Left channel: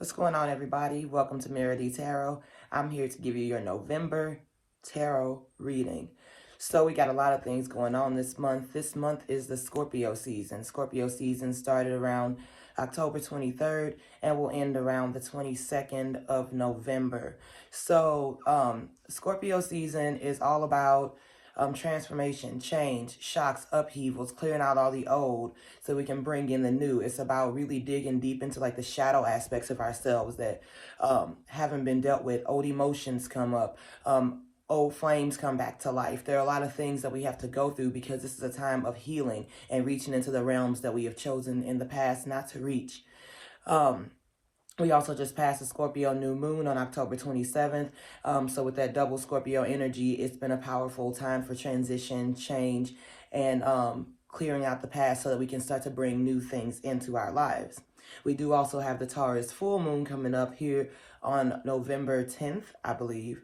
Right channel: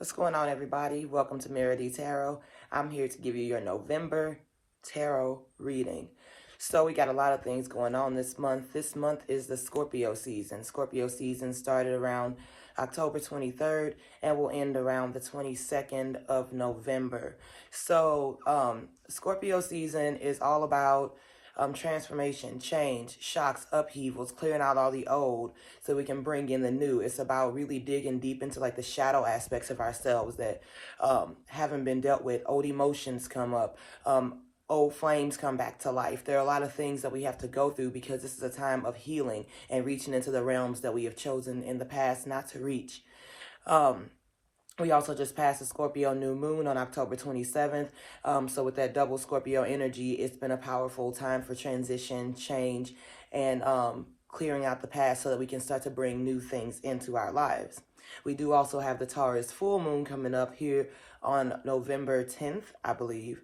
What's going on, everybody? Welcome to Meredy Tarot. I'm here to give you your November tarot reading. So we got a lot of things going on this month. This month is the Scorpio season. Scorpio season started around October 23rd and will end around the 22nd of November. So Scorpio season is all about transformation, change, shocks, upheavals, clearing out all the old so we can bring in the new. It's about really digging deep into like the shadow aspects of ourselves that haven't been dealt with. Old emotions come up. Old flames come back to life. There are a lot of things that we have to go through because this is a time of healing and reaching into the realms that we have chosen in the past not to reach. We also just passed the Scorpio new moon on October 27th. So with that double Scorpio energy, it's been a powerful time for transition, change, and clearing out the past so that we can start to bring new things into our lives. We do also have the Taurus full moon coming up here on November 10th, I believe.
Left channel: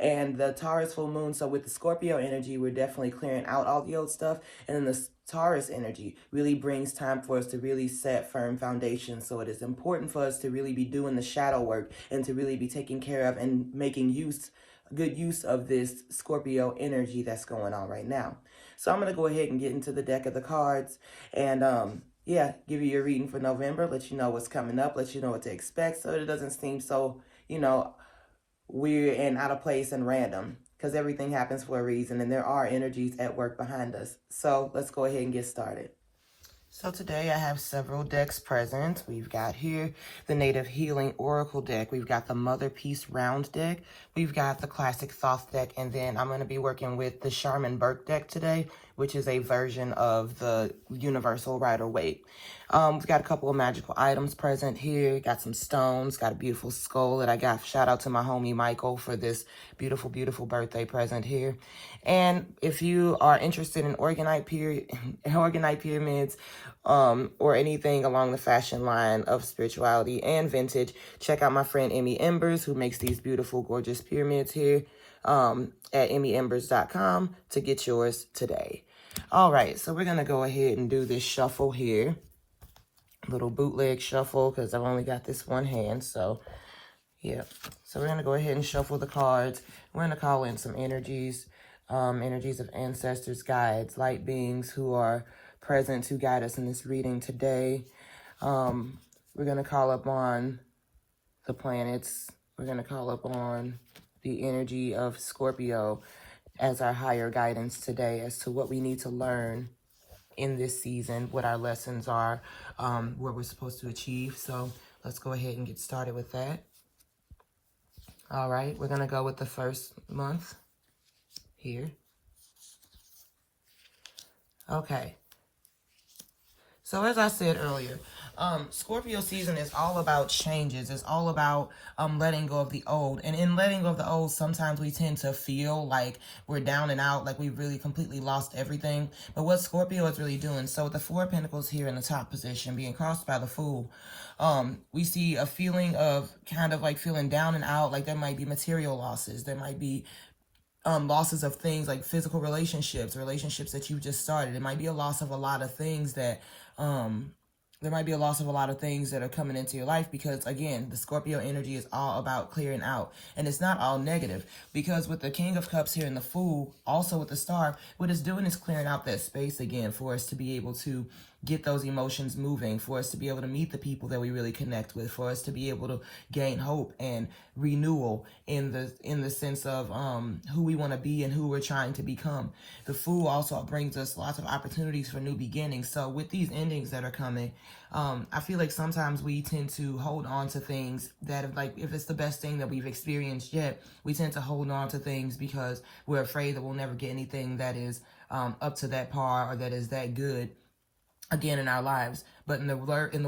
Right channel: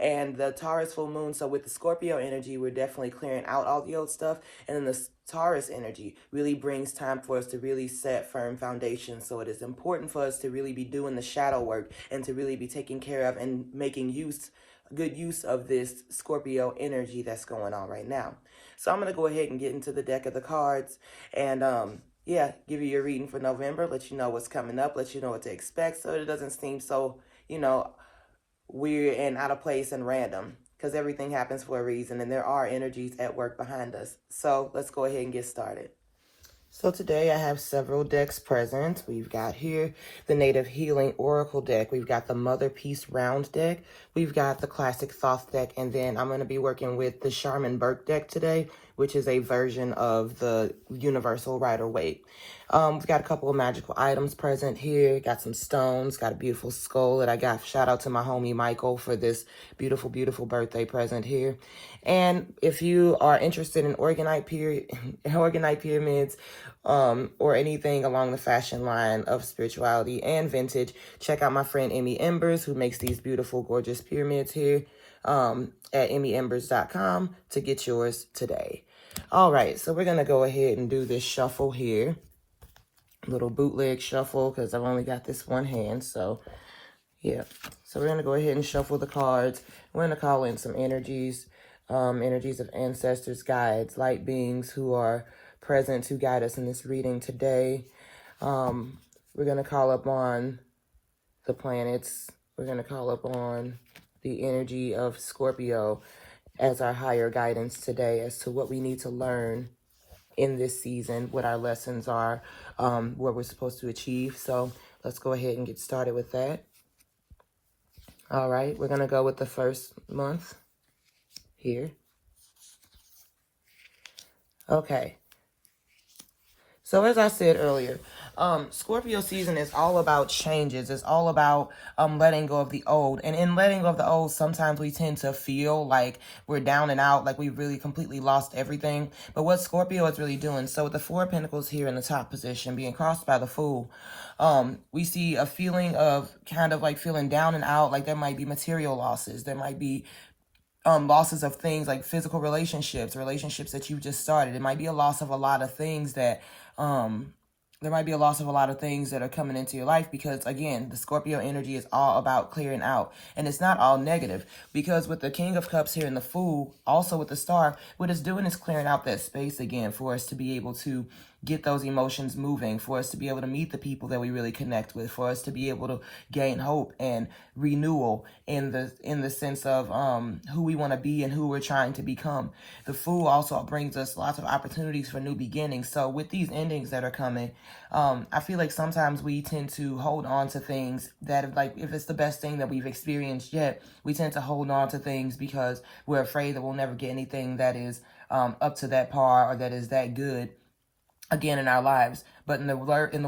And the Taurus full moon, so with the Scorpio energy, we're definitely clearing out all the old stuff. And then the Taurus energy really brings time for us to really set firm foundations. So it is important for us to really be doing the shadow work and to really be taking care of and making good use of this Scorpio energy that's going on right now. So I'm going to go ahead and get into the deck of the cards and yeah, give you your reading for November, let you know what's coming up, let you know what to expect so it doesn't seem so, weird and out of place and random, because everything happens for a reason and there are energies at work behind us. So let's go ahead and get started. So today I have several decks present. We've got here the Native Healing Oracle deck. We've got the Mother Peace Round deck. We've got the Classic Thoth deck. And then I'm going to be working with the Charmin Burke deck today, which is a version of the Universal Rider-Waite. We've got a couple of magical items present here. Got some stones, got a beautiful skull that I got. Shout out to my homie Michael for this beautiful, beautiful birthday present here. And if you are interested in organite pyramids, or anything along the fashion line of spirituality and vintage, check out my friend Emmy Embers, who makes these beautiful, gorgeous pyramids here at emmyembers.com to get yours today. All right, so we're going to go ahead and do this shuffle here. Little bootleg shuffle because I've only got this one hand. So, yeah. So we're going to go ahead and shuffle the cards. We're going to call in some energies, energies of ancestors, guides, light beings who are present to guide us in this reading today. We're going to call upon the planets. We're going to call upon the energy of Scorpio as our higher guidance today as to what we need to learn in this season, what our lessons are, what we're supposed to achieve. So let's go ahead and get started with that. All right, we're going to go with the first month here. Okay. So as I said earlier, Scorpio season is all about changes. It's all about letting go of the old. And in letting go of the old, sometimes we tend to feel like we're down and out, like we've really completely lost everything. But what Scorpio is really doing, so with the Four of Pentacles here in the top position, being crossed by the Fool, we see a feeling of kind of like feeling down and out, like there might be material losses. There might be losses of things like physical relationships that you just started. It might be a loss of a lot of things that there might be a loss of a lot of things that are coming into your life because, again, the Scorpio energy is all about clearing out. And it's not all negative because with the King of Cups here and the Fool, also with the Star, what it's doing is clearing out that space again for us to be able to get those emotions moving, for us to be able to meet the people that we really connect with, for us to be able to gain hope and renewal in the sense of who we want to be and who we're trying to become. The Fool also brings us lots of opportunities for new beginnings. So with these endings that are coming, I feel like sometimes we tend to hold on to things that, like, if it's the best thing that we've experienced yet, we tend to hold on to things because we're afraid that we'll never get anything that is up to that par or that is that good again in our lives. But in the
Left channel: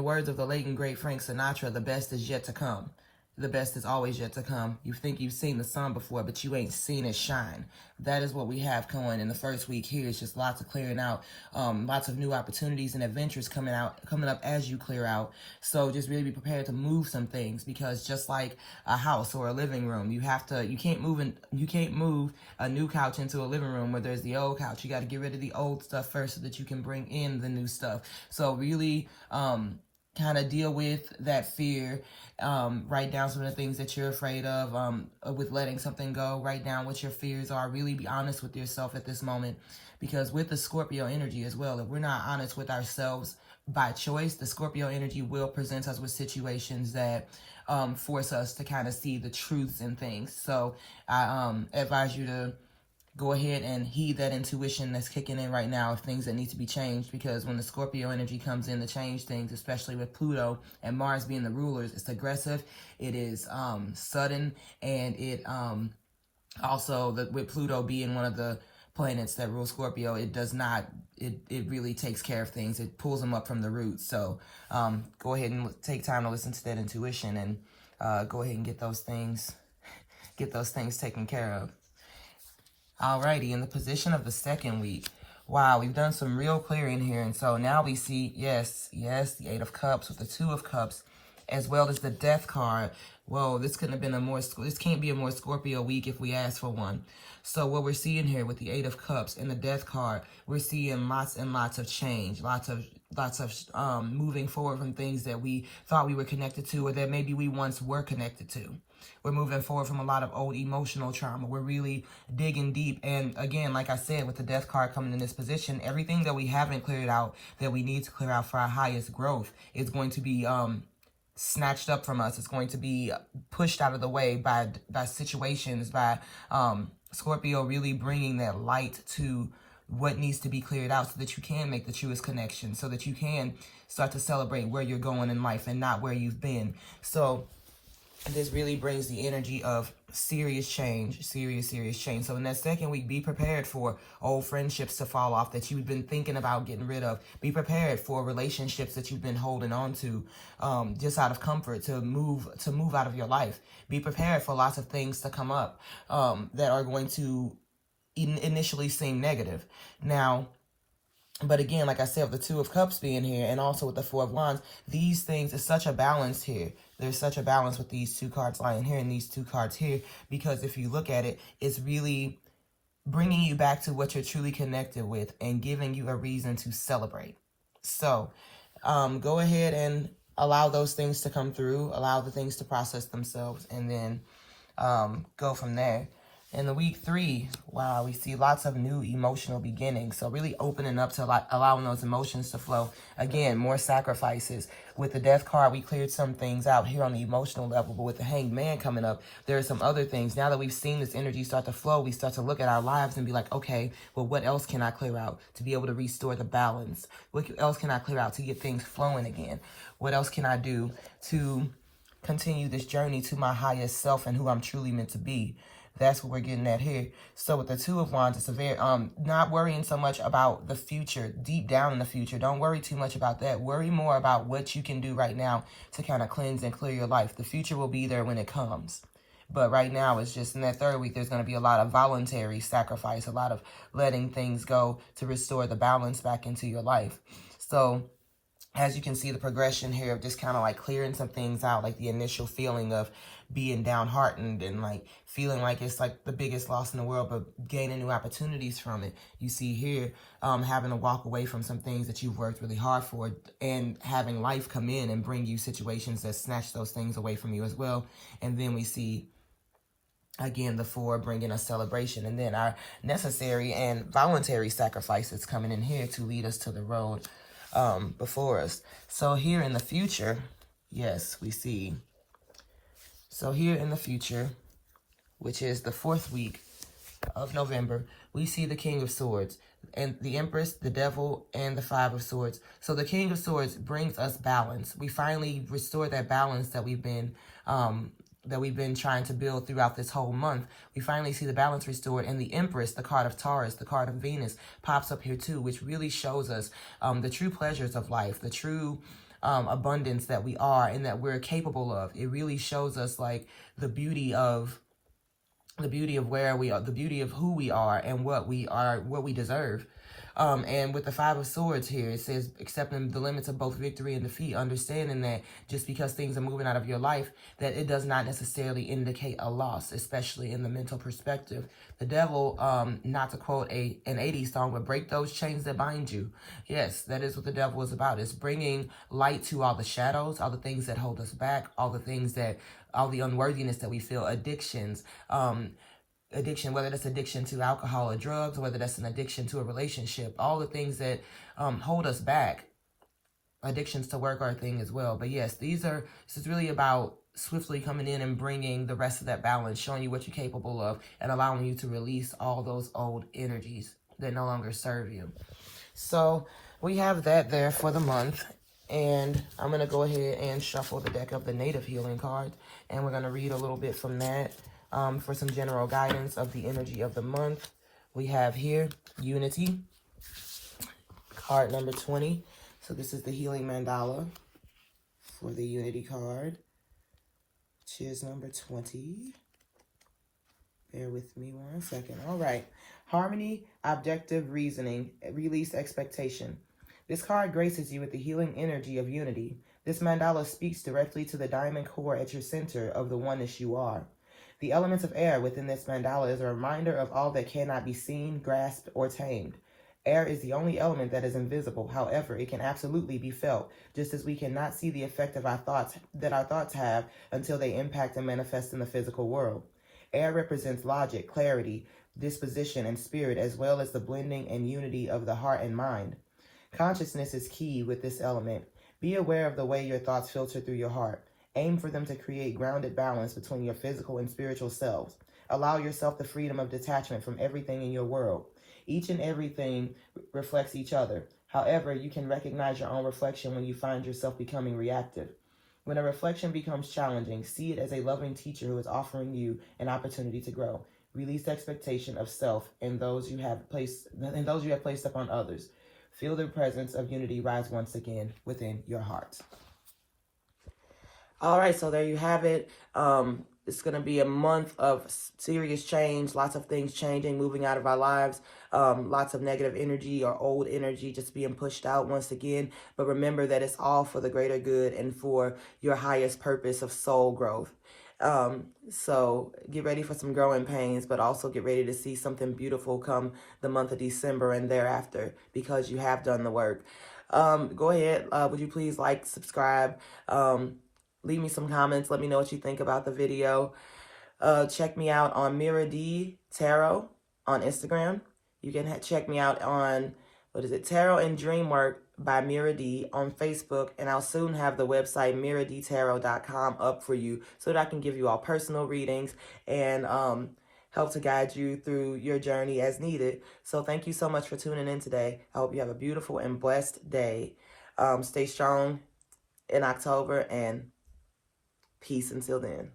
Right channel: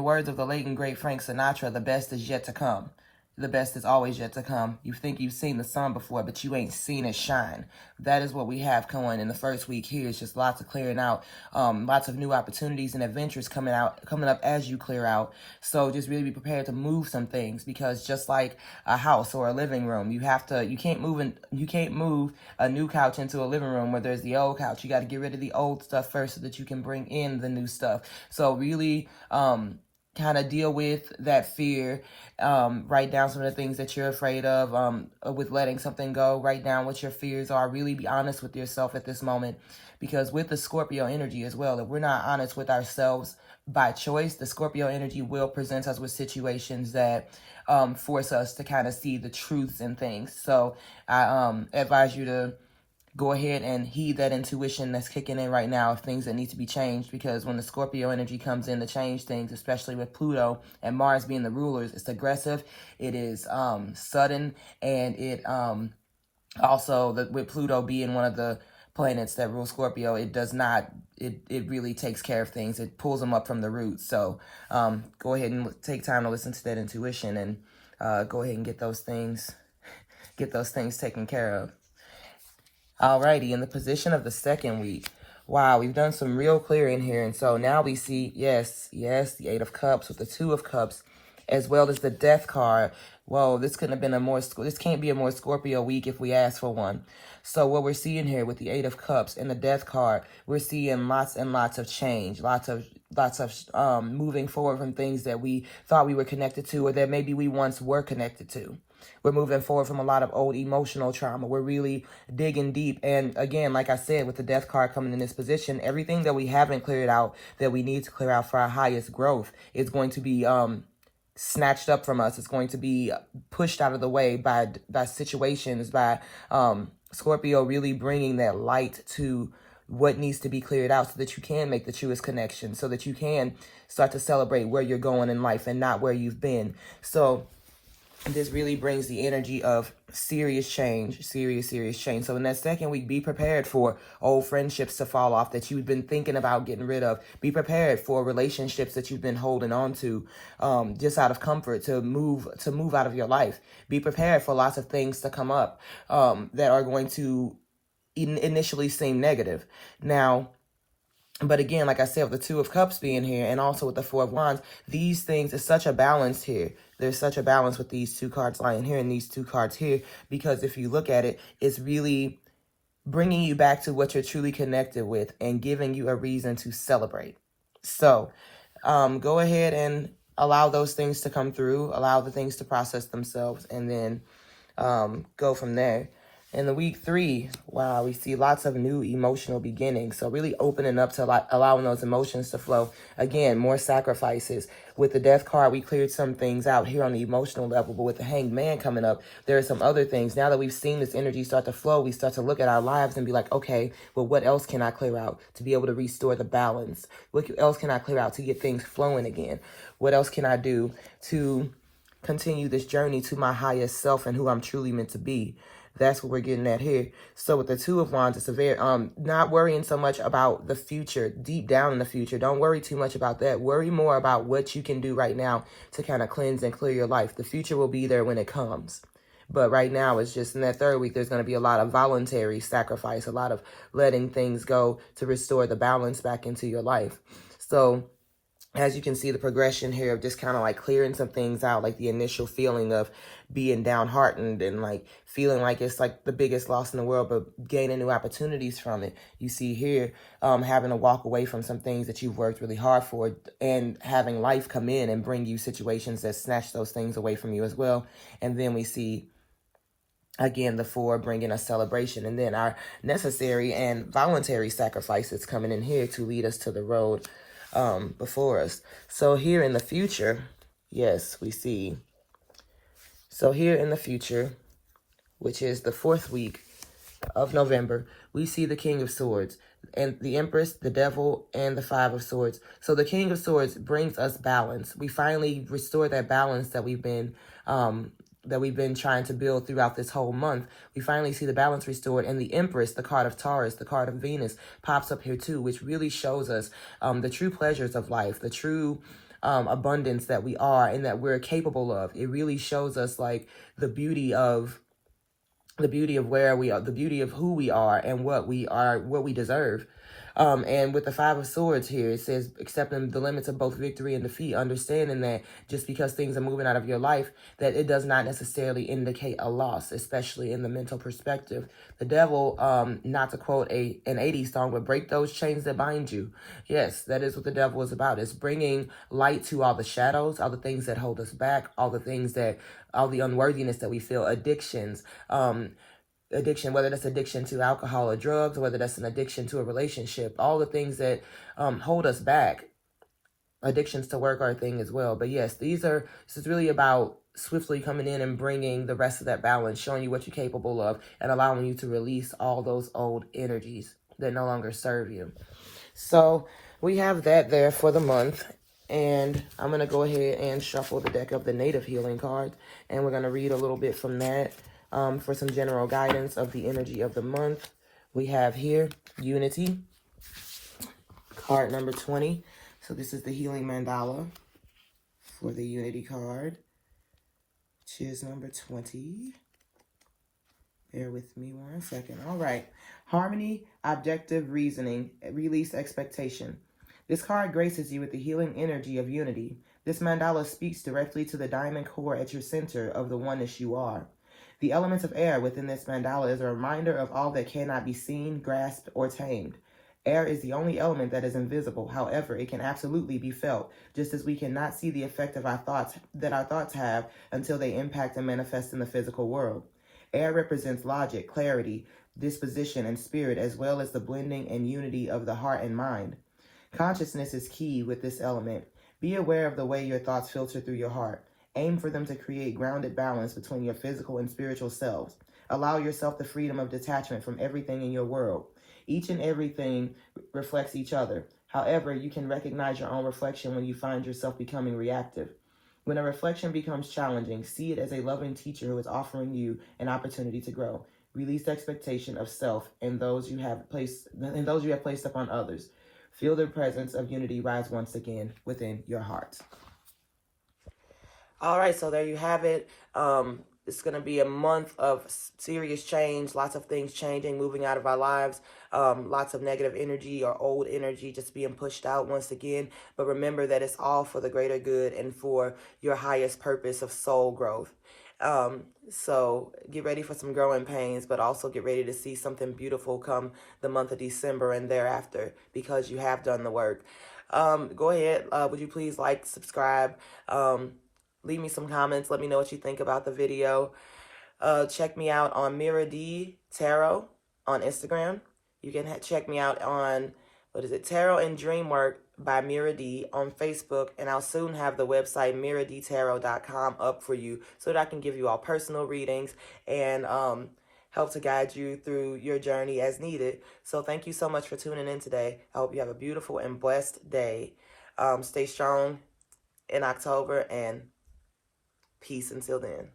words of the late and great Frank Sinatra, the best is yet to come. The best is always yet to come. You think you've seen the sun before, but you ain't seen it shine. That is what we have going in the first week here. It's just lots of clearing out, lots of new opportunities and adventures coming up as you clear out. So just really be prepared to move some things because just like a house or a living room, you can't move a new couch into a living room where there's the old couch. You got to get rid of the old stuff first so that you can bring in the new stuff. So really, kind of deal with that fear. Write down some of the things that you're afraid of with letting something go. Write down what your fears are. Really be honest with yourself at this moment, because with the Scorpio energy as well, if we're not honest with ourselves by choice, the Scorpio energy will present us with situations that force us to kind of see the truths in things. So I advise you to go ahead and heed that intuition that's kicking in right now of things that need to be changed, because when the Scorpio energy comes in to change things, especially with Pluto and Mars being the rulers, it's aggressive, it is sudden, and it also, with Pluto being one of the planets that rule Scorpio, it does not, it really takes care of things. It pulls them up from the roots. So go ahead and take time to listen to that intuition, and go ahead and get those things taken care of. Alrighty, in the position of the second week, wow, we've done some real clearing here. And so now we see, yes, the Eight of Cups with the Two of Cups, as well as the Death card. Whoa, this couldn't have been this can't be a more Scorpio week if we ask for one. So what we're seeing here with the Eight of Cups and the Death card, we're seeing lots and lots of change, lots of moving forward from things that we thought we were connected to, or that maybe we once were connected to. We're moving forward from a lot of old emotional trauma. We're really digging deep. And again, like I said, with the Death card coming in this position, everything that we haven't cleared out that we need to clear out for our highest growth is going to be snatched up from us. It's going to be pushed out of the way by situations, by Scorpio really bringing that light to what needs to be cleared out, so that you can make the truest connection, so that you can start to celebrate where you're going in life and not where you've been. So this really brings the energy of serious change, serious change. So in that second week, be prepared for old friendships to fall off that you've been thinking about getting rid of. Be prepared for relationships that you've been holding on to just out of comfort to move out of your life. Be prepared for lots of things to come up that are going to initially seem negative. Now, but again, like I said, with the Two of Cups being here and also with the Four of Wands, these things is such a balance here. There's such a balance with these two cards lying here and these two cards here, because if you look at it, it's really bringing you back to what you're truly connected with and giving you a reason to celebrate. So go ahead and allow those things to come through, allow the things to process themselves, and then go from there. In the week 3, wow, we see lots of new emotional beginnings. So really opening up to allowing those emotions to flow. Again, more sacrifices. With the Death card, we cleared some things out here on the emotional level. But with the Hanged Man coming up, there are some other things. Now that we've seen this energy start to flow, we start to look at our lives and be like, okay, well, what else can I clear out to be able to restore the balance? What else can I clear out to get things flowing again? What else can I do to continue this journey to my highest self and who I'm truly meant to be? That's what we're getting at here. So with the Two of Wands, it's a very, not worrying so much about the future, deep down in the future. Don't worry too much about that. Worry more about what you can do right now to kind of cleanse and clear your life. The future will be there when it comes. But right now, it's just in that third week, there's going to be a lot of voluntary sacrifice, a lot of letting things go to restore the balance back into your life. So as you can see, the progression here of just kind of like clearing some things out, like the initial feeling of being downhearted and like feeling like it's like the biggest loss in the world, but gaining new opportunities from it. You see here, having to walk away from some things that you've worked really hard for, and having life come in and bring you situations that snatch those things away from you as well. And then we see, again, the 4 bringing us celebration, and then our necessary and voluntary sacrifices coming in here to lead us to the road before us. So here in the future, yes, we see. So here in the future, which is the 4th week of November, we see the King of Swords and the Empress, the Devil, and the 5 of Swords. So the King of Swords brings us balance. We finally restore that balance that we've been trying to build throughout this whole month. We finally see the balance restored, and the Empress, the card of Taurus, the card of Venus, pops up here too, which really shows us the true pleasures of life, the true abundance that we are and that we're capable of. It really shows us like the beauty of where we are, the beauty of who we are and what we deserve. And with the Five of Swords here, it says accepting the limits of both victory and defeat, understanding that just because things are moving out of your life, that it does not necessarily indicate a loss, especially in the mental perspective. The devil, not to quote an 80s song, would break those chains that bind you. Yes, that is what the devil is about. It's bringing light to all the shadows, all the things that hold us back, all the unworthiness that we feel, addictions, addiction, whether that's addiction to alcohol or drugs, whether that's an addiction to a relationship, all the things that hold us back. Addictions to work are a thing as well. But yes, this is really about swiftly coming in and bringing the rest of that balance, showing you what you're capable of, and allowing you to release all those old energies that no longer serve you. So we have that there for the month. And I'm going to go ahead and shuffle the deck of the Native Healing cards. And we're going to read a little bit from that. For some general guidance of the energy of the month, we have here Unity, card number 20. So this is the Healing Mandala for the Unity card, which is number 20. Bear with me 1 second. All right. Harmony, objective reasoning, release expectation. This card graces you with the healing energy of unity. This mandala speaks directly to the diamond core at your center of the oneness you are. The elements of air within this mandala is a reminder of all that cannot be seen, grasped, or tamed. Air is the only element that is invisible. However, it can absolutely be felt, just as we cannot see the effect of our thoughts have until they impact and manifest in the physical world. Air represents logic, clarity, disposition, and spirit, as well as the blending and unity of the heart and mind. Consciousness is key with this element. Be aware of the way your thoughts filter through your heart. Aim for them to create grounded balance between your physical and spiritual selves. Allow yourself the freedom of detachment from everything in your world. Each and everything reflects each other. However, you can recognize your own reflection when you find yourself becoming reactive. When a reflection becomes challenging, see it as a loving teacher who is offering you an opportunity to grow. Release expectation of self and those you have placed upon others. Feel the presence of unity rise once again within your heart. All right, so there you have it. It's going to be a month of serious change, lots of things changing, moving out of our lives, lots of negative energy or old energy just being pushed out once again. But remember that it's all for the greater good and for your highest purpose of soul growth. So get ready for some growing pains, but also get ready to see something beautiful come the month of December and thereafter, because you have done the work. Go ahead. Would you please like, subscribe, leave me some comments. Let me know what you think about the video. Check me out on Mira D Tarot on Instagram. You can check me out on, Tarot and Dreamwork by Mira D on Facebook. And I'll soon have the website miradtarot.com up for you so that I can give you all personal readings and help to guide you through your journey as needed. So thank you so much for tuning in today. I hope you have a beautiful and blessed day. Stay strong in October, and peace until then.